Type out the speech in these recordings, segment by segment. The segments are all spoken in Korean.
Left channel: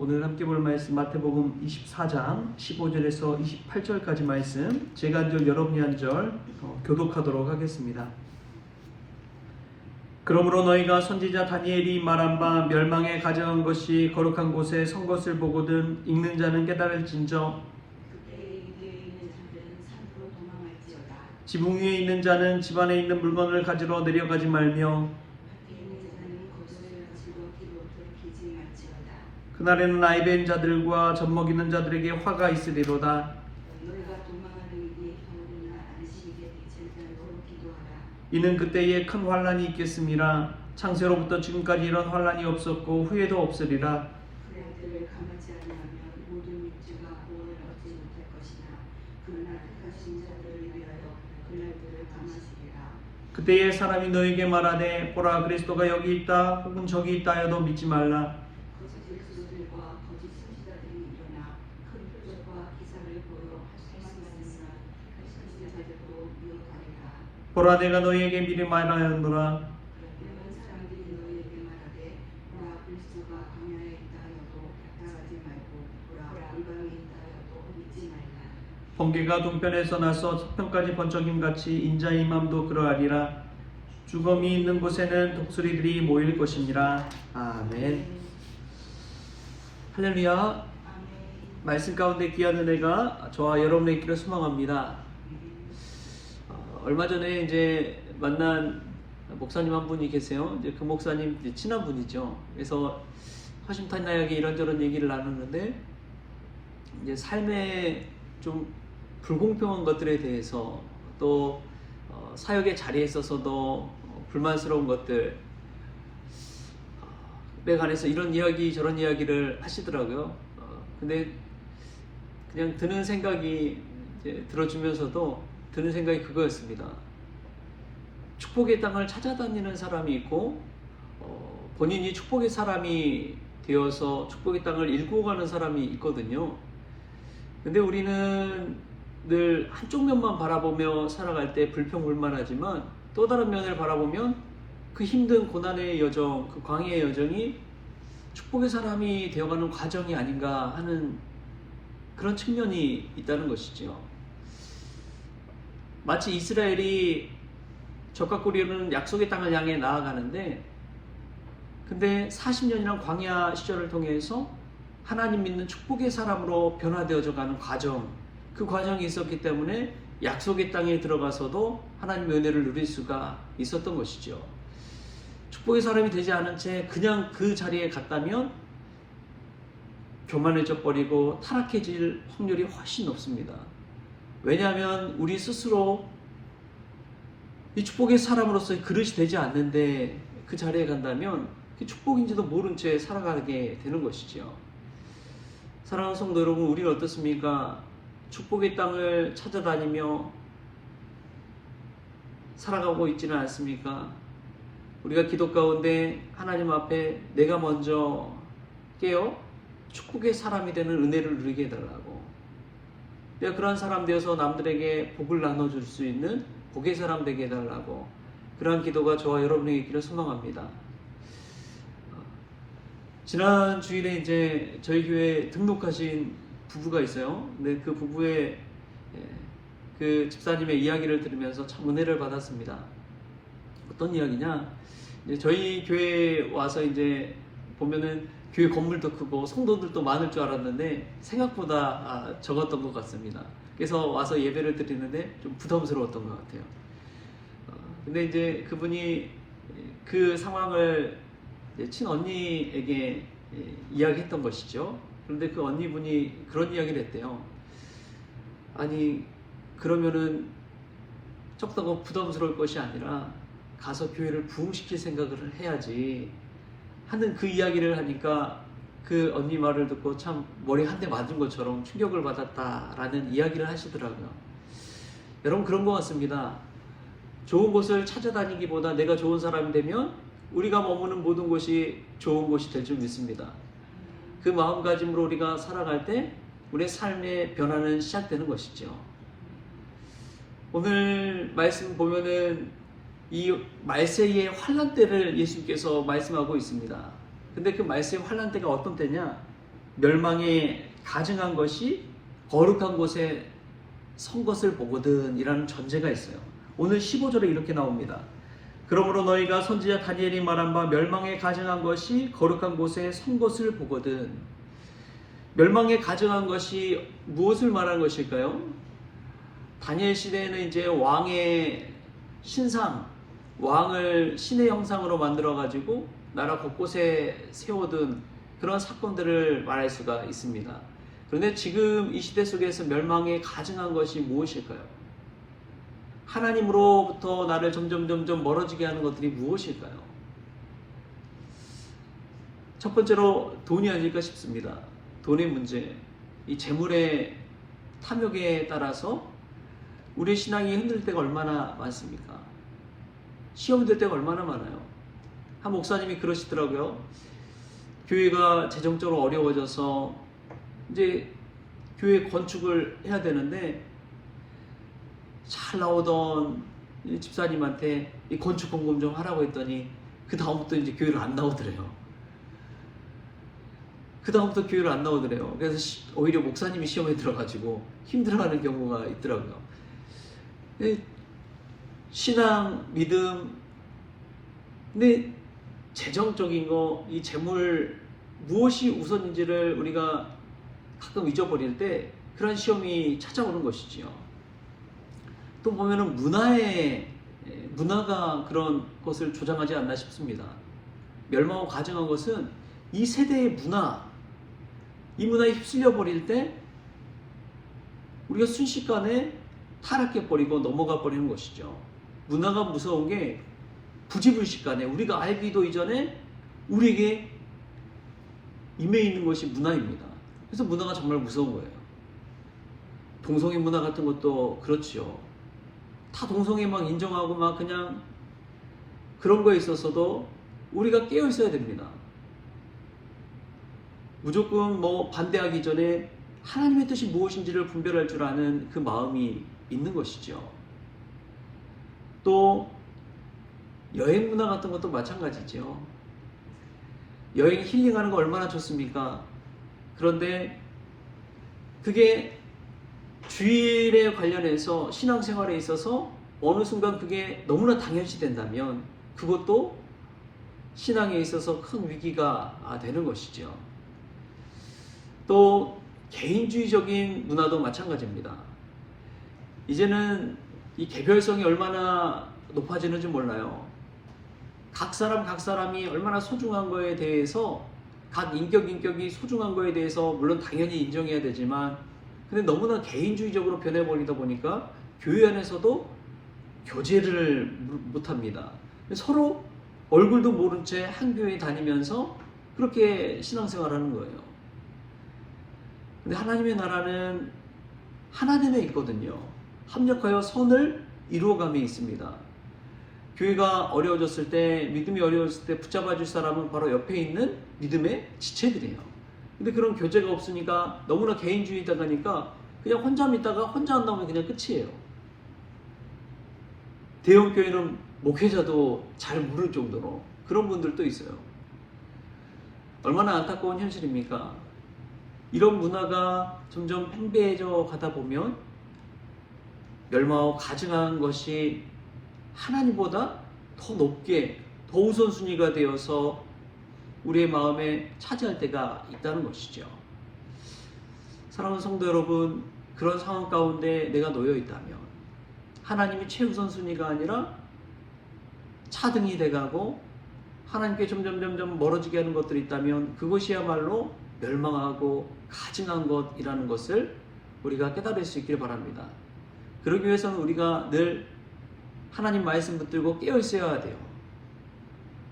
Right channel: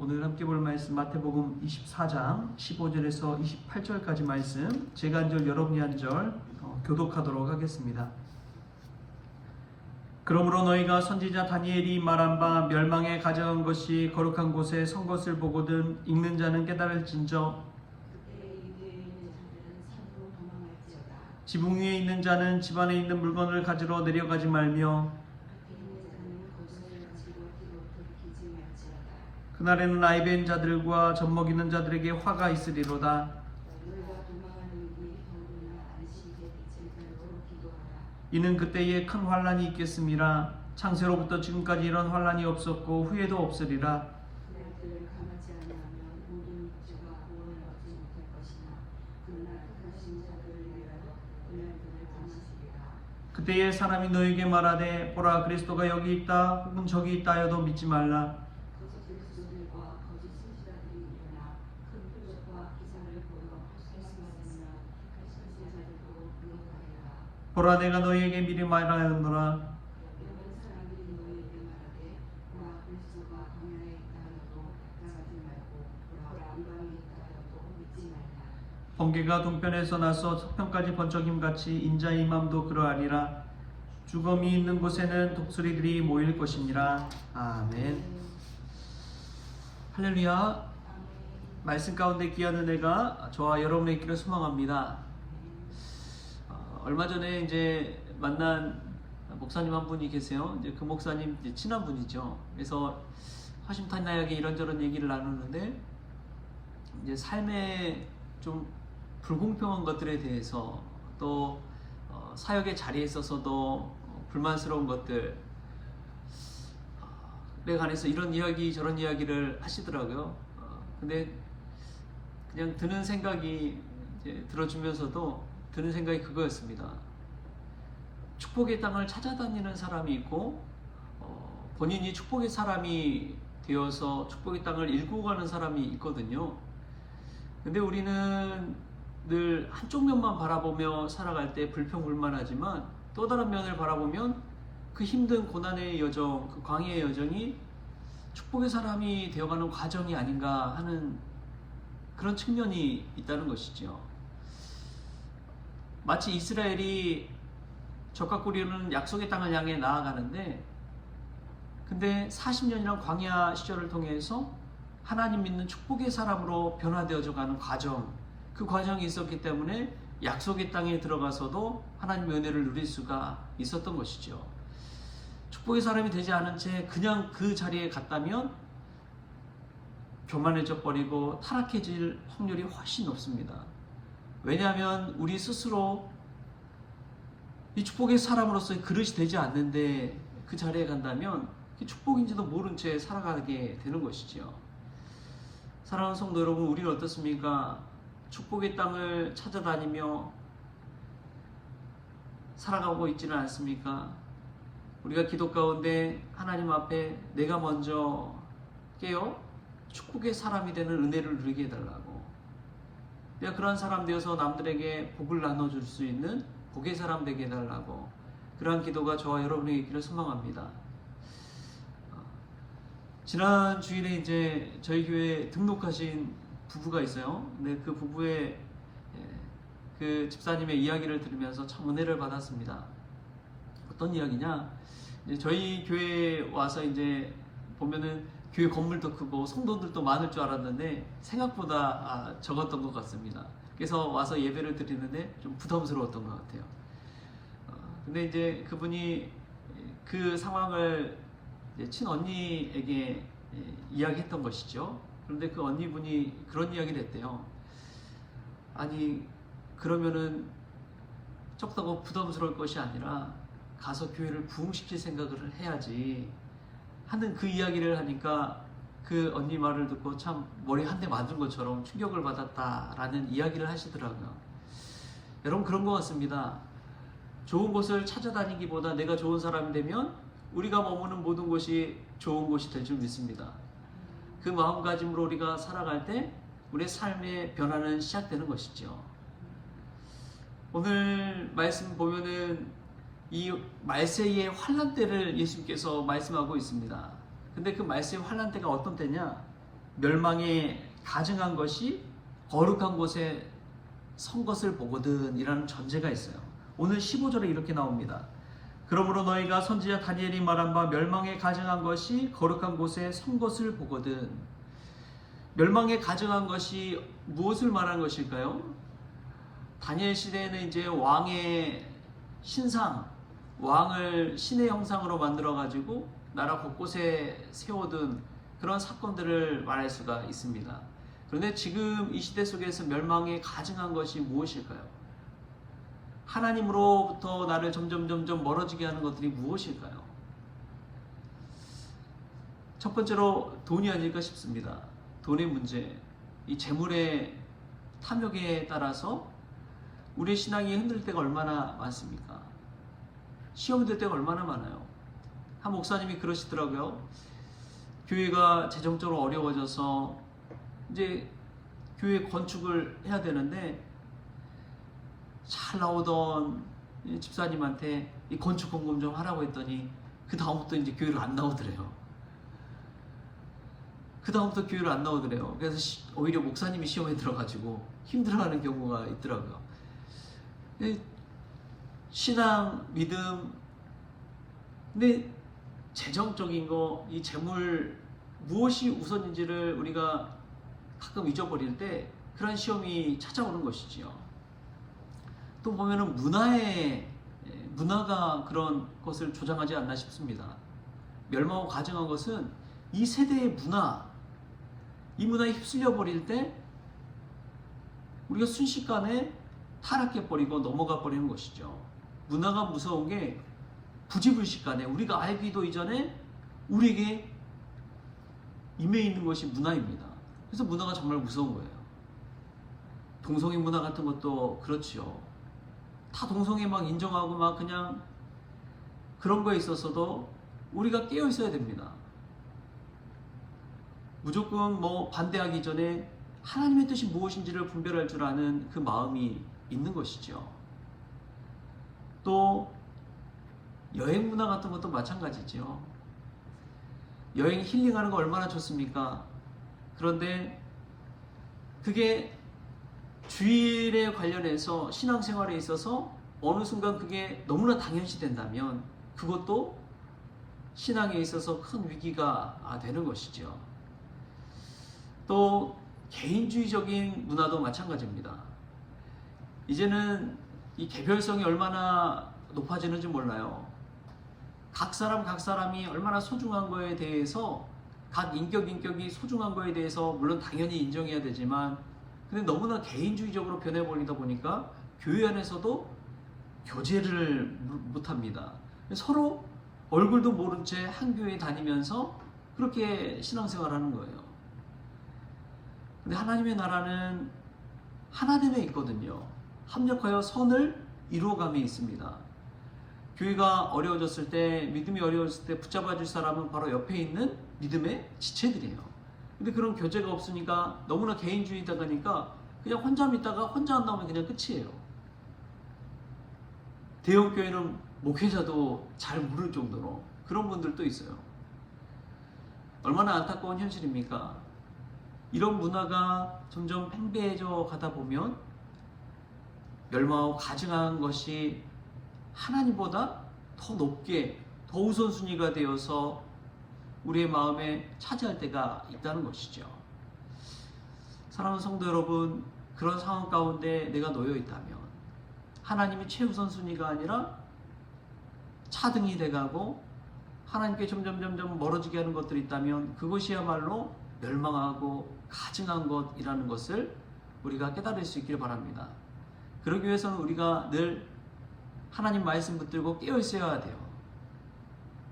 오늘 함께 볼 말씀 마태복음 24장 15절에서 28절까지 말씀, 제가 한 절 여러분이 한 절 교독하도록 하겠습니다. 그러므로 너희가 선지자 다니엘이 말한 바 멸망에 가져간 것이 거룩한 곳에 선 것을 보거든 읽는 자는 깨달을진저 지붕 위에 있는 자는 집 안에 있는 물건을 가지러 내려가지 말며 그날에는 아이 벤 자들과 젖먹이는 자들에게 화가 있으리로다. 이는 그때에 큰 환란이 있겠음이라. 창세로부터 지금까지 이런 환란이 없었고 후에도 없으리라. 그때에 사람이 너에게 말하되 보라 그리스도가 여기 있다 혹은 저기 있다 하여도 믿지 말라. 보라 내가 너희에게 미리 말하였노라. 번개가 동편에서 나서 서편까지 번쩍임같이 인자의 맘도 그러하리라. 죽음이 있는 곳에는 독수리들이 모일 것이니라. 아멘. 할렐루야. 말씀 가운데 귀한 은혜가 저와 여러분의 있기를 소망합니다. 얼마 전에 이제 만난 목사님 한 분이 계세요. 이제 그 목사님 이제 친한 분이죠. 그래서 허심탄회하게 이런저런 얘기를 나누는데 이제 삶의 좀 불공평한 것들에 대해서 또 사역의 자리에 있어서도 불만스러운 것들에 관해서 이런 이야기 저런 이야기를 하시더라고요. 근데 그냥 드는 생각이 이제 들어주면서도 드는 생각이 그거였습니다. 축복의 땅을 찾아다니는 사람이 있고 본인이 축복의 사람이 되어서 축복의 땅을 일구어가는 사람이 있거든요. 근데 우리는 늘 한쪽 면만 바라보며 살아갈 때 불평불만하지만 또 다른 면을 바라보면 그 힘든 고난의 여정, 그 광야의 여정이 축복의 사람이 되어가는 과정이 아닌가 하는 그런 측면이 있다는 것이죠. 마치 이스라엘이 적과 꾸리는 약속의 땅을 향해 나아가는데 근데 40년이란 광야 시절을 통해서 하나님 믿는 축복의 사람으로 변화되어져 가는 과정, 그 과정이 있었기 때문에 약속의 땅에 들어가서도 하나님의 은혜를 누릴 수가 있었던 것이죠. 축복의 사람이 되지 않은 채 그냥 그 자리에 갔다면 교만해져 버리고 타락해질 확률이 훨씬 높습니다. 왜냐하면 우리 스스로 이 축복의 사람으로서의 그릇이 되지 않는데 그 자리에 간다면 그 축복인지도 모른 채 살아가게 되는 것이죠. 사랑하는 성도 여러분, 우리는 어떻습니까? 축복의 땅을 찾아다니며 살아가고 있지는 않습니까? 우리가 기도 가운데 하나님 앞에 내가 먼저 깨어 축복의 사람이 되는 은혜를 누리게 해달라고, 내가 그러한 사람 되어서 남들에게 복을 나눠줄 수 있는 복의 사람 되게 해달라고, 그러한 기도가 저와 여러분에게 있기를 소망합니다. 지난 주일에 이제 저희 교회에 등록하신 부부가 있어요. 근데 그 부부의 그 집사님의 이야기를 들으면서 참 은혜를 받았습니다. 어떤 이야기냐? 이제 저희 교회에 와서 이제 보면은 교회 건물도 크고 성도들도 많을 줄 알았는데 생각보다 적었던 것 같습니다. 그래서 와서 예배를 드리는데 좀 부담스러웠던 것 같아요. 근데 이제 그분이 그 상황을 친언니에게 이야기했던 것이죠. 그런데 그 언니분이 그런 이야기를 했대요. 아니 그러면은 적다고 부담스러울 것이 아니라 가서 교회를 부흥시킬 생각을 해야지 하는 그 이야기를 하니까 그 언니 말을 듣고 참 머리 한 대 맞은 것처럼 충격을 받았다라는 이야기를 하시더라고요. 여러분 그런 것 같습니다. 좋은 곳을 찾아다니기보다 내가 좋은 사람이 되면 우리가 머무는 모든 곳이 좋은 곳이 될 줄 믿습니다. 그 마음가짐으로 우리가 살아갈 때 우리의 삶의 변화는 시작되는 것이죠. 오늘 말씀 보면은 이 말세의 환란 때를 예수님께서 말씀하고 있습니다. 근데 그 말세의 환란 때가 어떤 때냐? 멸망에 가증한 것이 거룩한 곳에 선 것을 보거든 이라는 전제가 있어요. 오늘 15절에 이렇게 나옵니다. 그러므로 너희가 선지자 다니엘이 말한 바 멸망에 가증한 것이 거룩한 곳에 선 것을 보거든. 멸망에 가증한 것이 무엇을 말하는 것일까요? 다니엘 시대에는 이제 왕의 신상, 왕을 신의 형상으로 만들어 가지고 나라 곳곳에 세워둔 그런 사건들을 말할 수가 있습니다. 그런데 지금 이 시대 속에서 멸망에 가증한 것이 무엇일까요? 하나님으로부터 나를 점점 멀어지게 하는 것들이 무엇일까요? 첫 번째로 돈이 아닐까 싶습니다. 돈의 문제, 이 재물의 탐욕에 따라서 우리의 신앙이 흔들릴 때가 얼마나 많습니까? 시험이 될 때가 얼마나 많아요. 한 목사님이 그러시더라고요. 교회가 재정적으로 어려워져서 이제 교회 건축을 해야 되는데 잘 나오던 집사님한테 이 건축 공금 좀 하라고 했더니 그 다음부터 이제 교회를 안 나오더래요. 그래서 오히려 목사님이 시험에 들어가지고 힘들어하는 경우가 있더라고요. 신앙, 믿음, 근데 재정적인 거, 이 재물 무엇이 우선인지를 우리가 가끔 잊어버릴 때 그런 시험이 찾아오는 것이지요. 또 보면은 문화가 그런 것을 조장하지 않나 싶습니다. 멸망하고 가증한 것은 이 세대의 이 문화에 휩쓸려 버릴 때 우리가 순식간에 타락해버리고 넘어가 버리는 것이죠. 문화가 무서운 게 부지불식간에 우리가 알기도 이전에 우리에게 임해 있는 것이 문화입니다. 그래서 문화가 정말 무서운 거예요. 동성애 문화 같은 것도 그렇지요. 다 동성애 막 인정하고 막 그냥 그런 거에 있어서도 우리가 깨어 있어야 됩니다. 무조건 반대하기 전에 하나님의 뜻이 무엇인지를 분별할 줄 아는 그 마음이 있는 것이죠. 또 여행 문화 같은 것도 마찬가지죠. 여행 힐링하는 거 얼마나 좋습니까? 그런데 그게 주일에 관련해서 신앙생활에 있어서 어느 순간 그게 너무나 당연시 된다면 그것도 신앙에 있어서 큰 위기가 되는 것이죠. 또 개인주의적인 문화도 마찬가지입니다. 이제는 이 개별성이 얼마나 높아지는지 몰라요. 각 사람이 얼마나 소중한 거에 대해서 각 인격이 소중한 거에 대해서 물론 당연히 인정해야 되지만 근데 너무나 개인주의적으로 변해버리다 보니까 교회 안에서도 교제를 못합니다. 서로 얼굴도 모른 채 한 교회 다니면서 그렇게 신앙생활하는 거예요. 근데 하나님의 나라는 하나님에 있거든요. 합력하여 선을 이루어감에 있습니다. 교회가 어려워졌을 때, 믿음이 어려워졌을 때 붙잡아 줄 사람은 바로 옆에 있는 믿음의 지체들이에요. 근데 그런 교제가 없으니까 너무나 개인주의다 보니까 그냥 혼자 믿다가 혼자 안 나오면 그냥 끝이에요. 대형교회는 목회자도 잘 모를 정도로 그런 분들도 있어요. 얼마나 안타까운 현실입니까? 이런 문화가 점점 팽배해져 가다 보면 멸망하고 가증한 것이 하나님보다 더 높게, 더 우선순위가 되어서 우리의 마음에 차지할 때가 있다는 것이죠. 사랑하는 성도 여러분, 그런 상황 가운데 내가 놓여 있다면 하나님이 최우선순위가 아니라 차등이 돼가고 하나님께 점점 멀어지게 하는 것들이 있다면 그것이야말로 멸망하고 가증한 것이라는 것을 우리가 깨달을 수 있기를 바랍니다. 그러기 위해서는 우리가 늘 하나님 말씀 붙들고 깨어 있어야 돼요.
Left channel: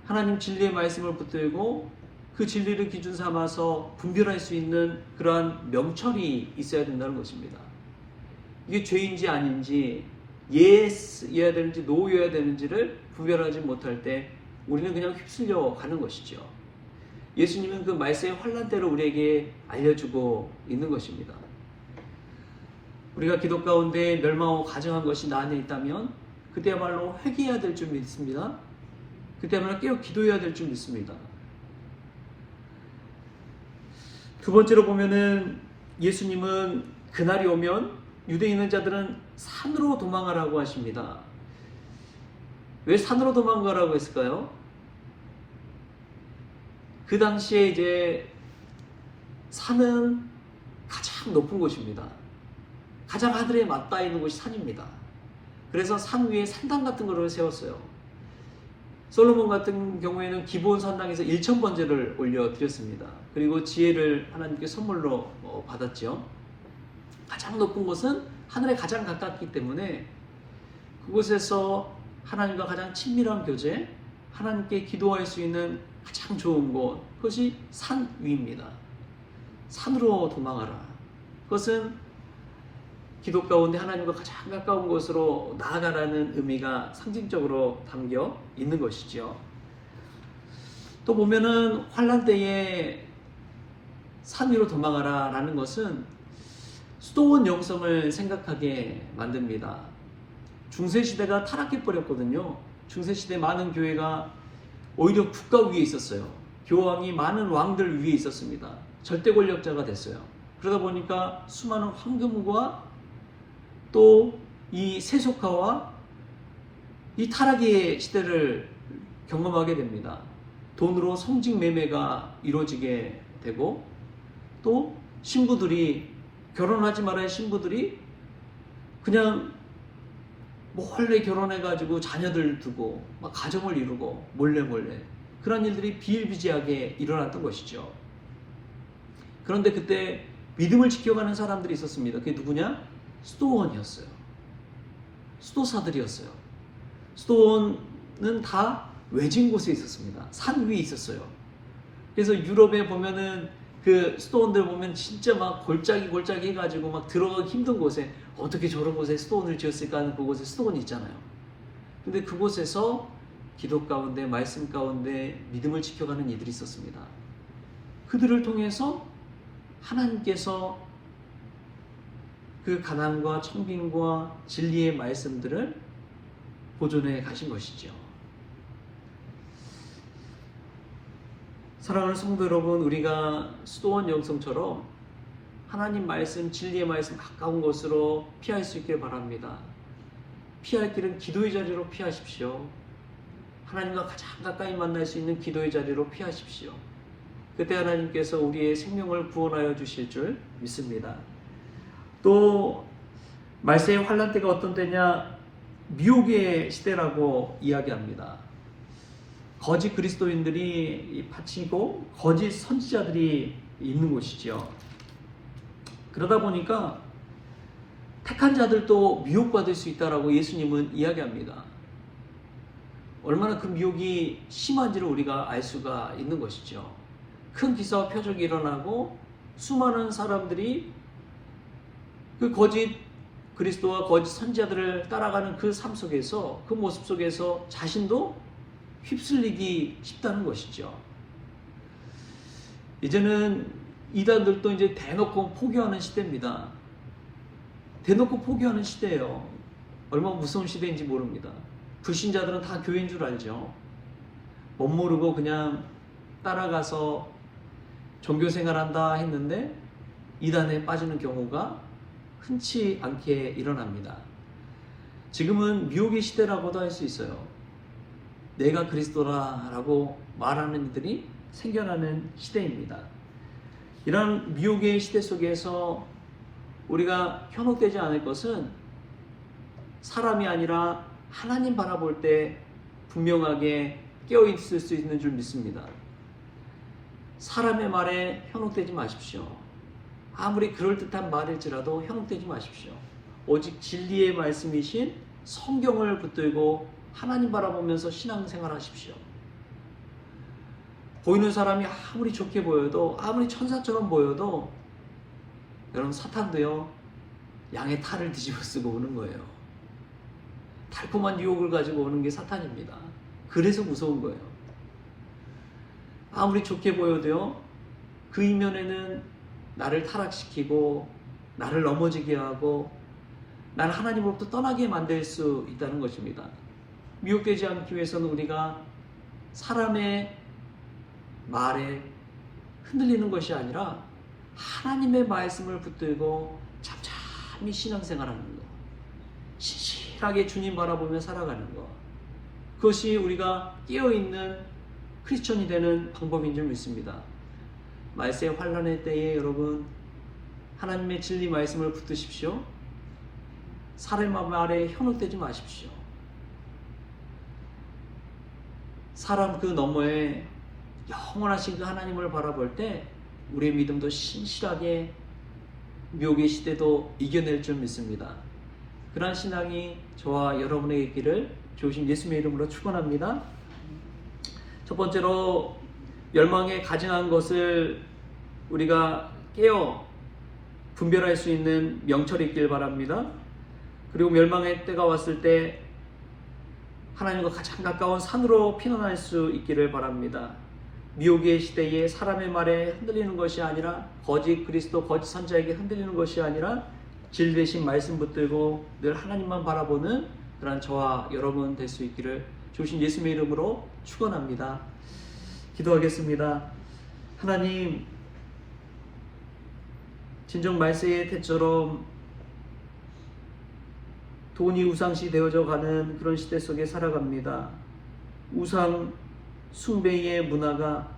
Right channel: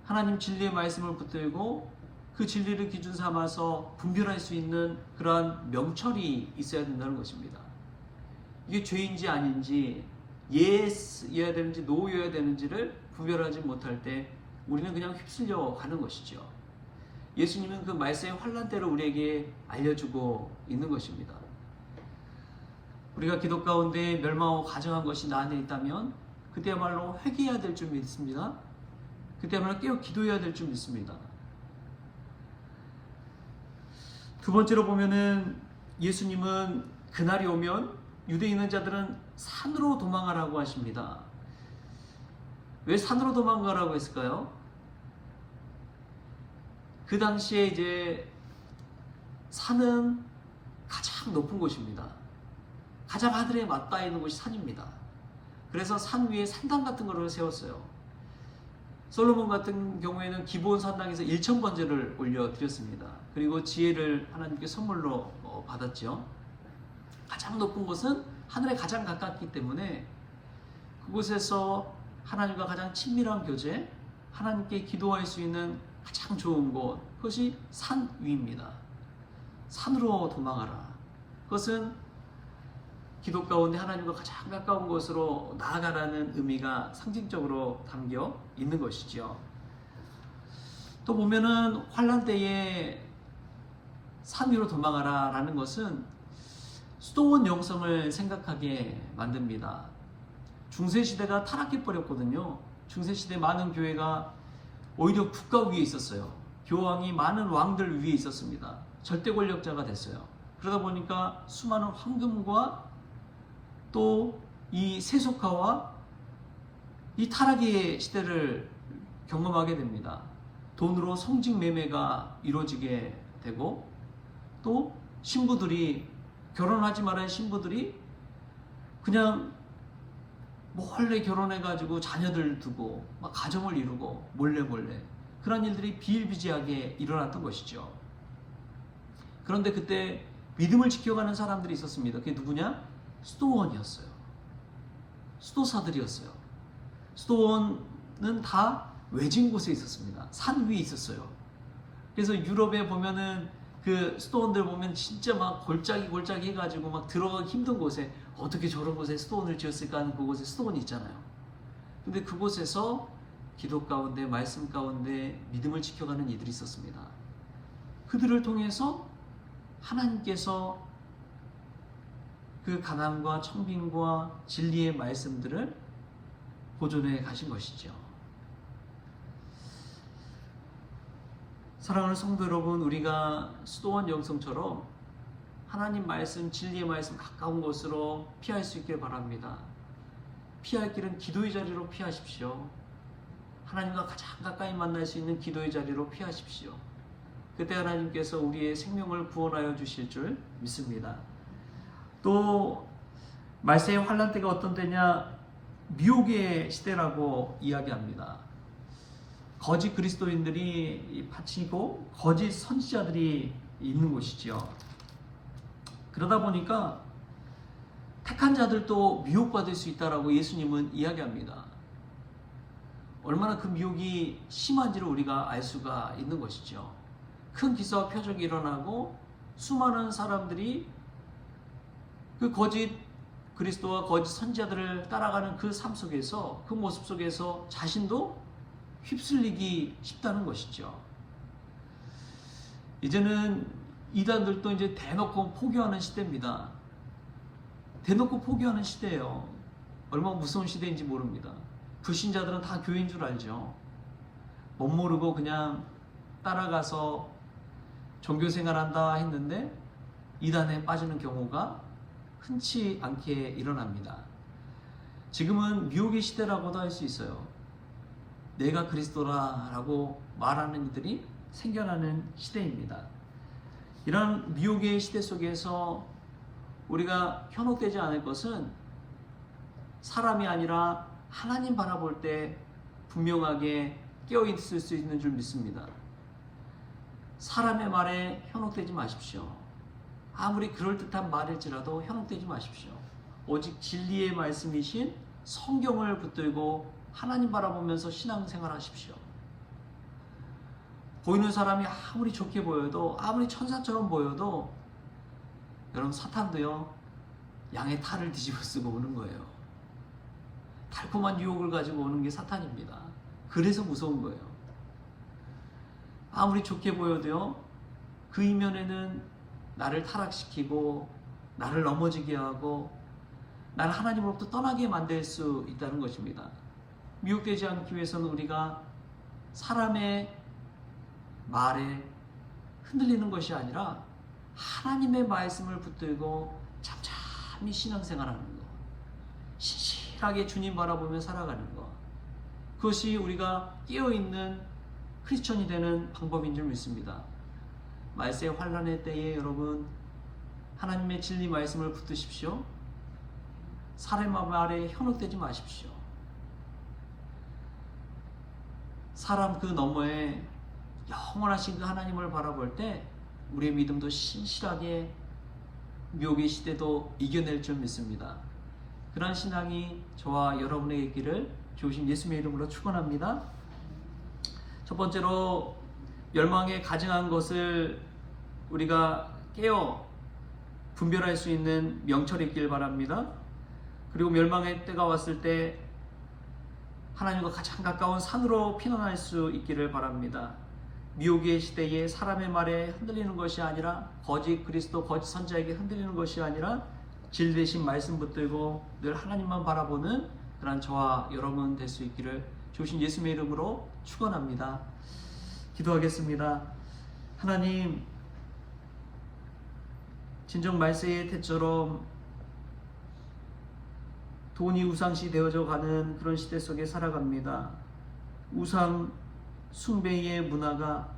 하나님 진리의 말씀을 붙들고 그 진리를 기준 삼아서 분별할 수 있는 그러한 명철이 있어야 된다는 것입니다. 이게 죄인지 아닌지, 예스여야 되는지 노여야 되는지를 구별하지 못할 때 우리는 그냥 휩쓸려 가는 것이죠. 예수님은 그 말씀의 환란대로 우리에게 알려주고 있는 것입니다. 우리가 기도 가운데 멸망하고 가증한 것이 나 안에 있다면 그때야말로 회개해야 될 줄 믿습니다. 그때야말로 깨어 기도해야 될 줄 믿습니다. 두 번째로 보면은 예수님은 그날이 오면 유대에 있는 자들은 산으로 도망하라고 하십니다. 왜 산으로 도망가라고 했을까요? 그 당시에 이제 산은 가장 높은 곳입니다. 가장 하늘에 맞닿아 있는 곳이 산입니다. 그래서 산 위에 산당 같은 거를 세웠어요. 솔로몬 같은 경우에는 기본 산당에서 1000번제를 올려드렸습니다. 그리고 지혜를 하나님께 선물로 받았죠. 가장 높은 곳은 하늘에 가장 가깝기 때문에 그곳에서 하나님과 가장 친밀한 교제, 하나님께 기도할 수 있는 가장 좋은 곳, 그것이 산 위입니다. 산으로 도망하라. 그것은 기도 가운데 하나님과 가장 가까운 곳으로 나아가라는 의미가 상징적으로 담겨 있는 것이죠. 또 보면은 환난 때에 산 위로 도망하라 라는 것은 수도원 영성을 생각하게 만듭니다. 중세시대가 타락해 버렸거든요. 중세시대 많은 교회가 오히려 국가 위에 있었어요. 교황이 많은 왕들 위에 있었습니다. 절대 권력자가 됐어요. 그러다 보니까 수많은 황금과 또 이 세속화와 이 타락의 시대를 경험하게 됩니다. 돈으로 성직 매매가 이루어지게 되고 또 신부들이 결혼하지 말아야 신부들이 그냥 몰래 결혼해가지고 자녀들 두고 막 가정을 이루고 몰래 그런 일들이 비일비재하게 일어났던 것이죠. 그런데 그때 믿음을 지켜가는 사람들이 있었습니다. 그게 누구냐? 수도원이었어요. 수도사들이었어요. 수도원은 다 외진 곳에 있었습니다. 산 위에 있었어요. 그래서 유럽에 보면은 그 수도원들 보면 진짜 막 골짜기 해가지고 막 들어가기 힘든 곳에 어떻게 저런 곳에 수도원을 지었을까 하는 그곳에 수도원이 있잖아요. 근데 그곳에서 기도 가운데 말씀 가운데 믿음을 지켜가는 이들이 있었습니다. 그들을 통해서 하나님께서 그 가난과 청빈과 진리의 말씀들을 보존해 가신 것이죠. 사랑하는 성도 여러분, 우리가 수도원 영성처럼 하나님 말씀, 진리의 말씀 가까운 곳으로 피할 수 있기를 바랍니다. 피할 길은 기도의 자리로 피하십시오. 하나님과 가장 가까이 만날 수 있는 기도의 자리로 피하십시오. 그때 하나님께서 우리의 생명을 구원하여 주실 줄 믿습니다. 또 말세의 환난 때가 어떤 때냐? 미혹의 시대라고 이야기합니다. 거짓 그리스도인들이 바치고 거짓 선지자들이 있는 곳이죠. 그러다 보니까 택한 자들도 미혹받을 수 있다라고 예수님은 이야기합니다. 얼마나 그 미혹이 심한지를 우리가 알 수가 있는 것이죠. 큰 기사와 표적이 일어나고 수많은 사람들이 그 거짓 그리스도와 거짓 선지자들을 따라가는 그 삶 속에서, 그 모습 속에서 자신도 휩쓸리기 쉽다는 것이죠. 이제는 이단들도 이제 대놓고 포기하는 시대입니다. 대놓고 포기하는 시대예요. 얼마나 무서운 시대인지 모릅니다. 불신자들은 다 교회인 줄 알죠. 못 모르고 그냥 따라가서 종교생활한다 했는데 이단에 빠지는 경우가 흔치 않게 일어납니다. 지금은 미혹의 시대라고도 할 수 있어요. 내가 그리스도라라고 말하는 이들이 생겨나는 시대입니다. 이런 미혹의 시대 속에서 우리가 현혹되지 않을 것은 사람이 아니라 하나님 바라볼 때 분명하게 깨어있을 수 있는 줄 믿습니다. 사람의 말에 현혹되지 마십시오. 아무리 그럴듯한 말일지라도 현혹되지 마십시오. 오직 진리의 말씀이신 성경을 붙들고 하나님 바라보면서 신앙생활 하십시오. 보이는 사람이 아무리 좋게 보여도, 아무리 천사처럼 보여도 여러분, 사탄도요 양의 탈을 뒤집어 쓰고 오는 거예요. 달콤한 유혹을 가지고 오는 게 사탄입니다. 그래서 무서운 거예요. 아무리 좋게 보여도요 그 이면에는 나를 타락시키고 나를 넘어지게 하고 나를 하나님으로부터 떠나게 만들 수 있다는 것입니다. 미혹되지 않기 위해서는 우리가 사람의 말에 흔들리는 것이 아니라 하나님의 말씀을 붙들고 잠잠히 신앙생활하는 것, 신실하게 주님 바라보며 살아가는 것, 그것이 우리가 깨어있는 크리스천이 되는 방법인 줄 믿습니다. 말세 환란의 때에 여러분 하나님의 진리 말씀을 붙드십시오. 사람 말에 현혹되지 마십시오. 사람 그 너머에 영원하신 그 하나님을 바라볼 때 우리의 믿음도 신실하게 미혹의 시대도 이겨낼 줄 믿습니다. 그러한 신앙이 저와 여러분에게 있기를 주신 예수님의 이름으로 축원합니다. 첫 번째로 멸망에 가증한 것을 우리가 깨어 분별할 수 있는 명철이 있길 바랍니다. 그리고 멸망의 때가 왔을 때 하나님과 가장 가까운 산으로 피난할 수 있기를 바랍니다. 미혹의 시대에 사람의 말에 흔들리는 것이 아니라 거짓 그리스도 거짓 선지자에게 흔들리는 것이 아니라 진리되신 말씀 붙들고 늘 하나님만 바라보는 그런 저와 여러분 될 수 있기를 주신 예수님의 이름으로 축원합니다. 기도하겠습니다. 하나님, 진정 말세의 때처럼 돈이 우상시 되어져 가는 그런 시대 속에 살아갑니다. 우상 숭배의 문화가,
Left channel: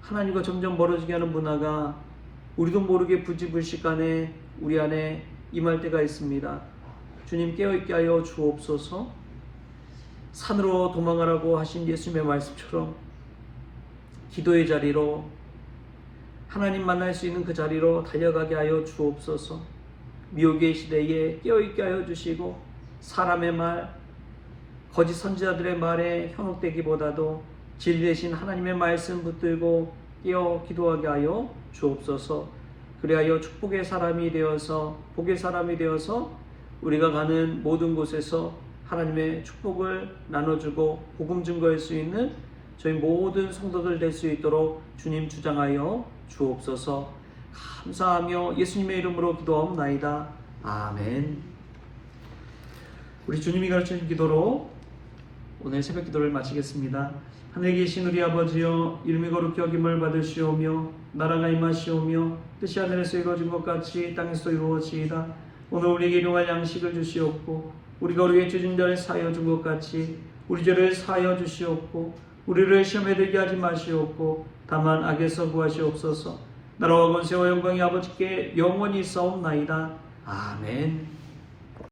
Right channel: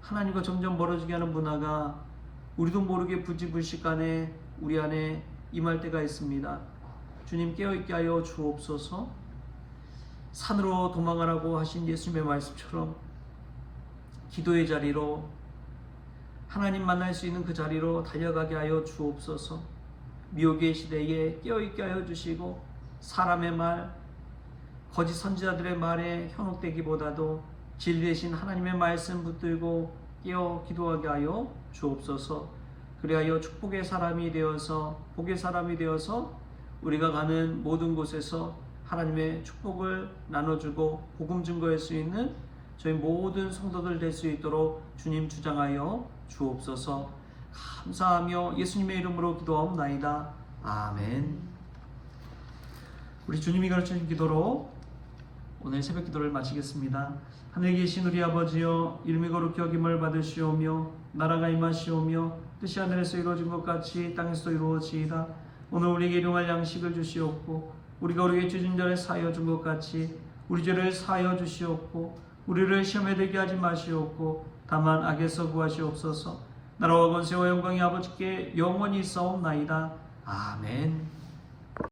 하나님과 점점 멀어지게 하는 문화가 우리도 모르게 부지불식간에 우리 안에 임할 때가 있습니다. 주님, 깨어있게 하여 주옵소서. 산으로 도망가라고 하신 예수님의 말씀처럼 기도의 자리로, 하나님 만날 수 있는 그 자리로 달려가게 하여 주옵소서. 미혹의 시대에 깨어있게 하여 주시고 사람의 말, 거짓 선지자들의 말에 현혹되기보다도 진리 되신 하나님의 말씀 붙들고 깨어 기도하게 하여 주옵소서. 그리하여 축복의 사람이 되어서, 복의 사람이 되어서 우리가 가는 모든 곳에서 하나님의 축복을 나눠주고 복음 증거할 수 있는 저희 모든 성도들 될 수 있도록 주님 주장하여 주옵소서. 감사하며 예수님의 이름으로 기도하옵나이다. 아멘. 우리 주님이 가르치신 기도로 오늘 새벽 기도를 마치겠습니다. 하늘에 계신 우리 아버지여, 이름이 거룩히 여김을 받으시오며 나라가 임하시오며 뜻이 하늘에서 이루어진 것 같이 땅에서도 이루어지이다. 오늘 우리에게 일용할 양식을 주시옵고 우리가 우리에게 죄진 자를 사하여 준 것 같이 우리 죄를 사하여 주시옵고 우리를 시험에 들게 하지 마시옵고 다만 악에서 구하시옵소서. 나라와 권세와 영광이 아버지께 영원히 있사옵나이다. 아멘.